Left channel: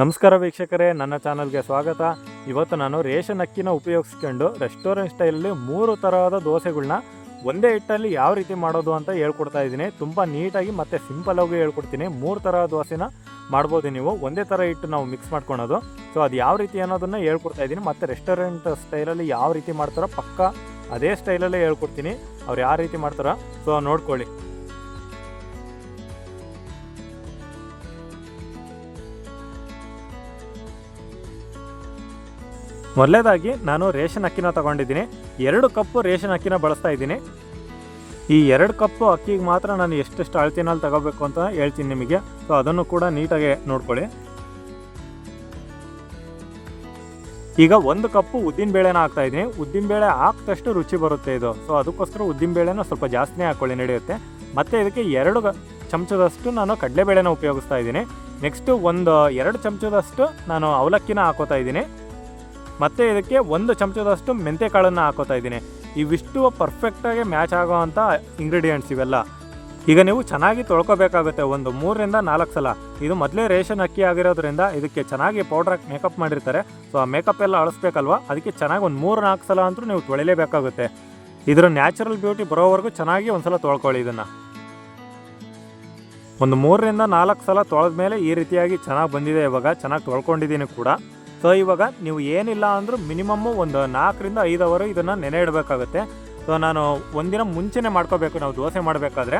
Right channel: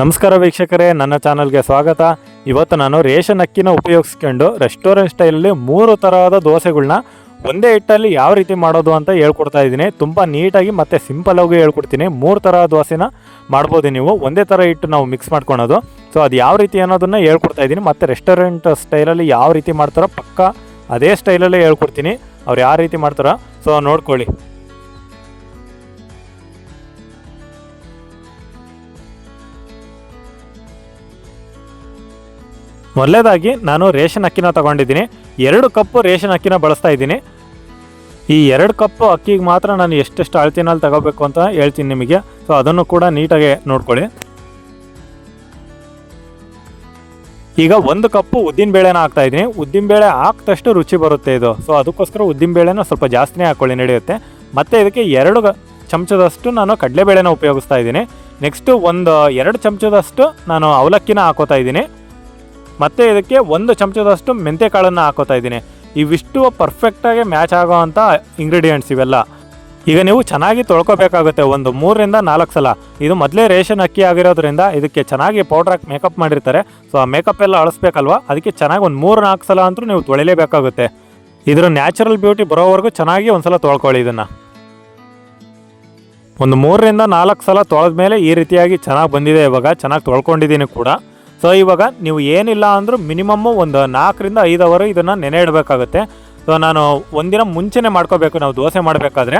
ನಮಸ್ಕಾರ ವೀಕ್ಷಕರೇ, ನನ್ನ ಚಾನಲ್ಗೆ ಸ್ವಾಗತ. ಇವತ್ತು ನಾನು ರೇಷನ್ ಅಕ್ಕಿನ ಉಪಯೋಗಿಸ್ಕೊಂಡು ರೆಸ್ಟೋರೆಂಟ್ ಸ್ಟೈಲಲ್ಲಿ 3 ತರಹದ ದೋಸೆಗಳನ್ನ ಒಂದೇ ಹಿಟ್ಟಲ್ಲಿ ಯಾವ ರೀತಿ ಮಾಡೋದು ಅಂತ ಹೇಳ್ಕೊಡ್ತಾ ಇದ್ದೀನಿ. ತುಂಬ ನೀಟಾಗಿ ಮತ್ತು ಸಿಂಪಲಾಗಿ ಹೇಳ್ಕೊಡ್ತೀನಿ. 3 ತರಹ ದೋಸೆನ ಮಾಡ್ಬೋದು ನೀವು. ಒಂದೇ ಥರ ಹಿಟ್ಟು ನಾವು ಮಿಕ್ಸ್ ಮಾಡ್ಕೊಳೋದು. ಸೊ ಅದು ಯಾವ ರೀತಿ ಅನ್ನೋದನ್ನು ಹೇಳ್ಕೊಡ್ತಾ ಇದ್ದೀನಿ. ಮತ್ತು ರೆಸ್ಟೋರೆಂಟ್ ಸ್ಟೈಲಲ್ಲಿ ಯಾವ ರೀತಿ ಮಾಡ್ತಾರೋ ಪಕ್ಕ ಅದೇ ಸ್ಟೈಲಲ್ಲೇ ಹೇಳ್ಕೊಡ್ತೀನಿ. ಅವ್ರು ಯಾವ ರೀತಿ ಮಾಡ್ತಾರೋ ಸೊ ನೋಡ್ಕೊಳ್ಳಿ. ಮೊದಲೇದಾಗಿ ನಾನು ರೇಷನ್ ಅಕ್ಕಿನ ತೊಗೊಂಡಿದ್ದೀನಿ. 2 ಕಪ್ಪು ರೇಷನ್ ಅಕ್ಕಿನ ಬಳಸ್ತಾ ಇದ್ದೀನಿ. ಈ 2 ಕಪ್ಪು ಅಕ್ಕಿಗೆ ಮಾತ್ರ ನಾನು ಎಷ್ಟೆಷ್ಟು ಅಳತಿನಲ್ಲಿ ತಗೋಬೇಕು ಅಂತ ಹೇಳ್ತೀನಿ ನಿಮಗೆ. ಸೊ ಅದನ್ನು ಕೂಡ ನೀಟಾಗಿ ನೋಡ್ಕೊಳ್ಳಿ. ಈಗ 1 ಕಪ್ಪು ಉದ್ದಿನಬೇಳೆನ ಹಾಕ್ತಾ ಇದ್ದೀನಿ. ಉದ್ದಿನಬೇಳೆ ಹಾಕಿದಷ್ಟು ರುಚಿ ಬರುತ್ತೆ ಇದು. ಸೊ ಅದಕ್ಕೋಸ್ಕರ ಉದ್ದಿನಬೇಳೆನ ಸ್ವಲ್ಪ ಜಾಸ್ತಿನೇ ಹಾಕ್ಕೊಳ್ಳಿ, ನಡೆಯುತ್ತೆ. ಮತ್ತು ಇದಕ್ಕೆ 2 ಚಮಚದಷ್ಟು ನಾನು ಕಡಲೆಬೇಳೆನ ಉಪಯೋಗಿಸ್ತಾ ಇದ್ದೀನಿ. ನೆಕ್ಸ್ಟು 2 ಚಮಚದಷ್ಟು ನಾನು ಅವಲಕ್ಕಿನ ಹಾಕೋತಾ ಇದ್ದೀನಿ. ಮತ್ತು ಇದಕ್ಕೆ 1 ಚಮಚದಷ್ಟು ಮೆಂತ್ಯ ಕಾಳನ್ನು ಹಾಕೋತಾ ಇದ್ದೀನಿ. ಇವಿಷ್ಟು ಪರ್ಫೆಕ್ಟಾಗಿ ಮ್ಯಾಚ್ ಆಗೋ ಅಂಥ ಇಂಗ್ರೀಡಿಯೆಂಟ್ಸ್ ಇವೆಲ್ಲ. ಈಗ ನೀವು ಚೆನ್ನಾಗಿ ತೊಳ್ಕೊಬೇಕಾಗುತ್ತೆ 3 ರಿಂದ 4 ಸಲ. ಇದು ಮೊದಲೇ ರೇಷನ್ ಅಕ್ಕಿ ಆಗಿರೋದ್ರಿಂದ ಇದಕ್ಕೆ ಚೆನ್ನಾಗಿ ಪೌಡ್ರ್ ಹಾಕಿ ಮೇಕಪ್ ಮಾಡಿರ್ತಾರೆ. ಸೊ ಆ ಮೇಕಪ್ ಎಲ್ಲ ಅಳಿಸ್ಬೇಕಲ್ವ, ಅದಕ್ಕೆ ಚೆನ್ನಾಗಿ 3-4 ಸಲ ಅಂತೂ ನೀವು ತೊಳಿಲೇಬೇಕಾಗುತ್ತೆ. ಇದರ ನ್ಯಾಚುರಲ್ ಬ್ಯೂಟಿ ಬರೋವರೆಗೂ ಚೆನ್ನಾಗಿ ಒಂದು ಸಲ ತೊಳ್ಕೊಳ್ಳಿ. ಇದನ್ನು 3 ರಿಂದ 4 ಸಲ ತೊಳೆದ್ಮೇಲೆ ಈ ರೀತಿಯಾಗಿ ಚೆನ್ನಾಗಿ ಬಂದಿದೆ. ಇವಾಗ ಚೆನ್ನಾಗಿ ತೊಳ್ಕೊಂಡಿದ್ದೀನಿ ಕೂಡ. ಸೊ ಇವಾಗ ನೀವು ಏನಿಲ್ಲ ಅಂದರೂ ಮಿನಿಮಮ್ಮು 4 ರಿಂದ 5 ಅವರ್ ಇದನ್ನು ನೆನೆ ಇಡಬೇಕಾಗುತ್ತೆ. ಸೊ ನಾನು ಒಂದಿನ ಮುಂಚೆನೇ ಮಾಡ್ಕೋಬೇಕು ನಾವು ದೋಸೆ ಮಾಡಬೇಕಾದ್ರೆ.